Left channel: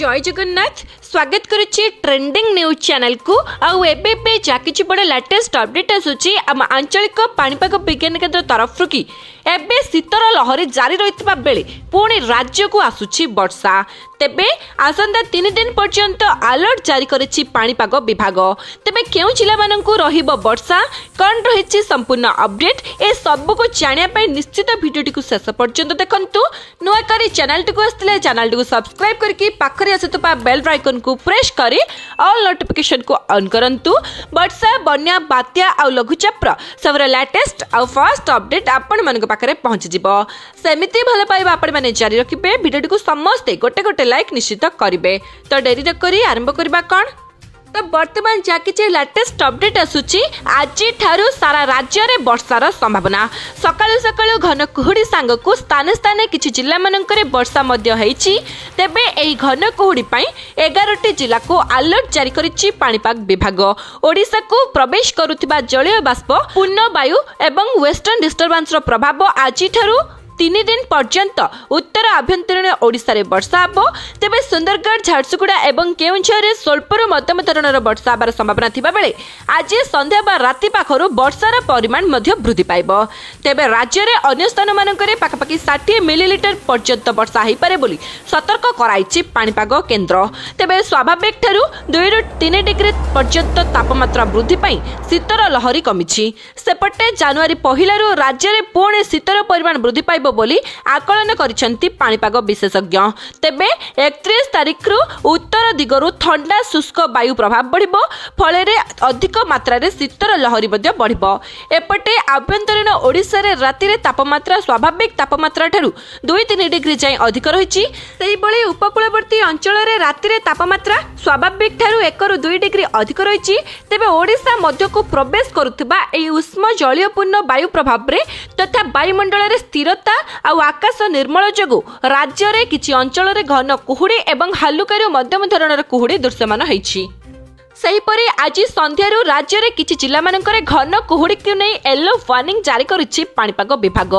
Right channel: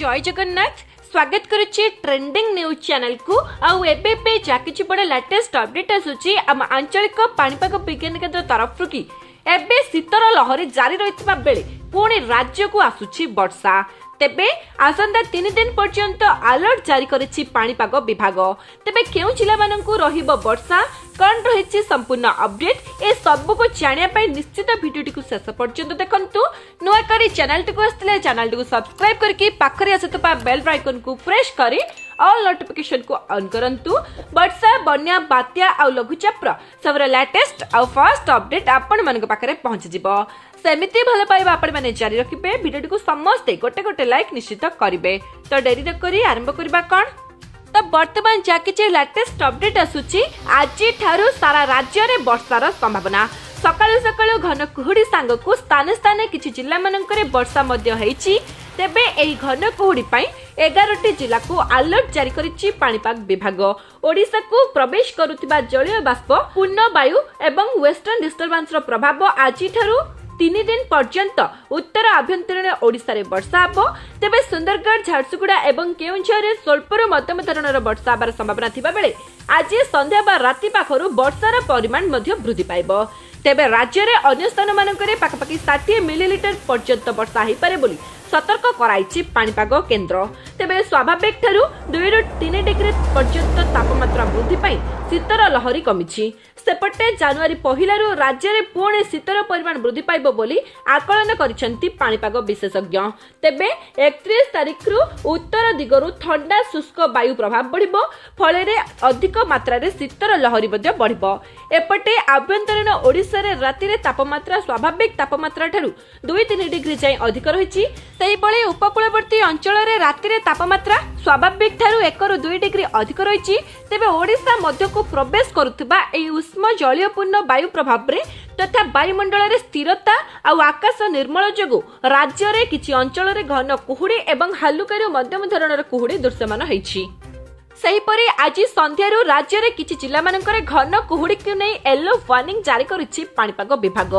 जय जगन्नाथ स्वागत करुच्ची trending news channel को आउ एबे जाकिछि बडे लेटेस्ट अपडेट आसुची आम आंचलिक पाणीपाग विज्ञान केंद्र तरफ कि एबे शीतर लहरी जारी रहितबा बेले पुणी राज्य को आसुची वर्षा तेबे आसंता 3 दिन पर्यंत अलर्ट जारी करिछि पाणीपाग विभाग तेबे केउ जिला माननकु रहिबो वर्षा कोन रहिछि संपूर्ण अपडेट ए सब को जानिया पय निश्चित वीडियो को शेष पर्यंत देखंतु नुआ करी चैनल को आस्तिले चैनल को सब्सक्राइब करके पाखरे आसुतबा बेल आइकन को प्रेस करी ऑल नोटिफिकेशन को ऑन करंतु वर्षा बन्या बात्या आ लघुचाप सबरे लेटेस्ट आ फर्स्ट अपडेट आपण मन पाखरे पहुंच जिवो सेमिति भले पाइबा आपण माने जारी रखिबे वीडियो को समस्त गोटे गोटे लाइक निश्चित करिवे तो देरी न करी आरंभ करबा कोन तो वर्तमान जाकिछि लेटेस्ट अपडेट आसुची आज ठारू सारा राज्य रे वर्षार संभावना सकाळु सकाळु घन कुहुडी सांग को स्थान स्थान किछि जिल्ला मानकरे वर्षा मध्य हेछि तेबे एही घन कुहुडी पई 11टी जिल्ला को अलर्ट जारी करिछि पाणीपाग विभाग ओडिसा को प्रवेश करुथिबा जलीय बाष्प पूर्ण वायु एवं वेस्टर्न डिस्टर्बेंस रो प्रभाव आज ठारू 3 दिन पर्यंत उत्तर आभ्यंतरीण ओडिशा रे वर्षा हबो तेबे सुंदरगढ़ झारसुगुड़ा एवं केउंझर रे स्वल्परु मध्यम धरणर वर्षा हबार संभावना थिबा बेले आज संध्या बा राति पाखरु वर्षार परिमाण मध्य वृद्धि पाइबो तेबे राज्य रे अन्य स्थान मानकरे पाखापाखि 60 मिलीलीटर पर्यंत वर्षा होई पारे बोली सतर्क कराइछि पाणीपाग केंद्र तेबे स्वाभाविक ठारू 2 रु 3 डिग्री पर्यंत तापमात्रा वृद्धि पई शीतर लहरी कमिछि सेपटे जनवरी पहिला रु राज्य रे पुणे शीतर परिमाण वृद्धि पाइबो बोली आकलन करिसेंती पाणीपाग विशेषज्ञ तेबे 31 तारिख रु उत्तर दिगरु ठंडा शुष्क वायु प्रभाव बढ़िबो फळे रे अधिक मात्रा रे शीतर लहरी मध्ये बढ़िबो एपटे आभ्यंतरीण ओडिसा रे राति रे तापमात्रा स्वाभाविक तापमात्रा ठारू 2-3 डिग्री जाय अधिक रहिछि सेही बळे उपकूलवर्ती अंचल रे राति रे तापमात्रा स्वाभाविक ठारू 1 रु 2 डिग्री अधिक रहिछि तेबे ओडिसा मध्य को प्रवेश करुथिबा एई उष्म जलीयपूर्ण वायु प्रभाव रे तथा वायुमंडल रे स्थिरता आ आकाश निर्मल जोगु राज्य रे किछि अंचल रे घन कुहुडी एवं हालुकारू मध्यम धरणर कुहुडी दृश्यमान होइछि सेहीपरि आज संध्यारू राज्य रे किछि जिला मानकरे घन कुहुडी को नै येलो वार्निंग जारी करिछि पाणीपाग विभाग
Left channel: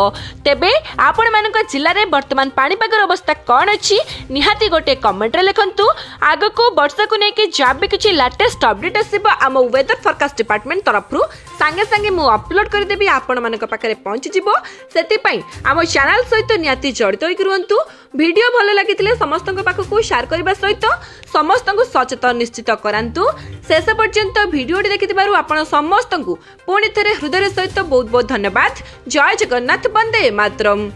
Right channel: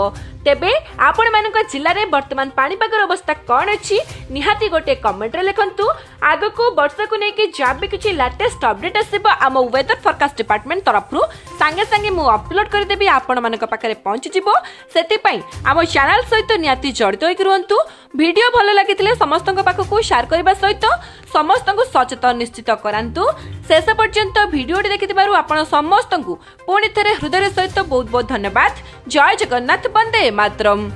तेबे आपण मानक जिल्ला रे वर्तमान पाणीपागर अवस्था कोन अछि निहाती गोटे कमेंट रे लिखंतु आगो को वर्षा को नै कि जाबे किछि लेटेस्ट अपडेट आसीबो आम वेदर फोरकास्ट डिपार्टमेंट तरफरु संगे संगे मु अपलोड कर देबी आपण मानक पाखरे पहुंची जिवो सेति पई आम चैनल सहित निहाती जडित होई रहंतु वीडियो भलो लागितिले समस्तक पाखकु शेयर करबा सहित समस्तक सचेतन निश्चित करांतु शेष पर्यंत वीडियो देखिथिबारु आपण समस्तक पुणी थरे हृदय सहित बहुत बहुत धन्यवाद जय जगन्नाथ वंदे मातरम।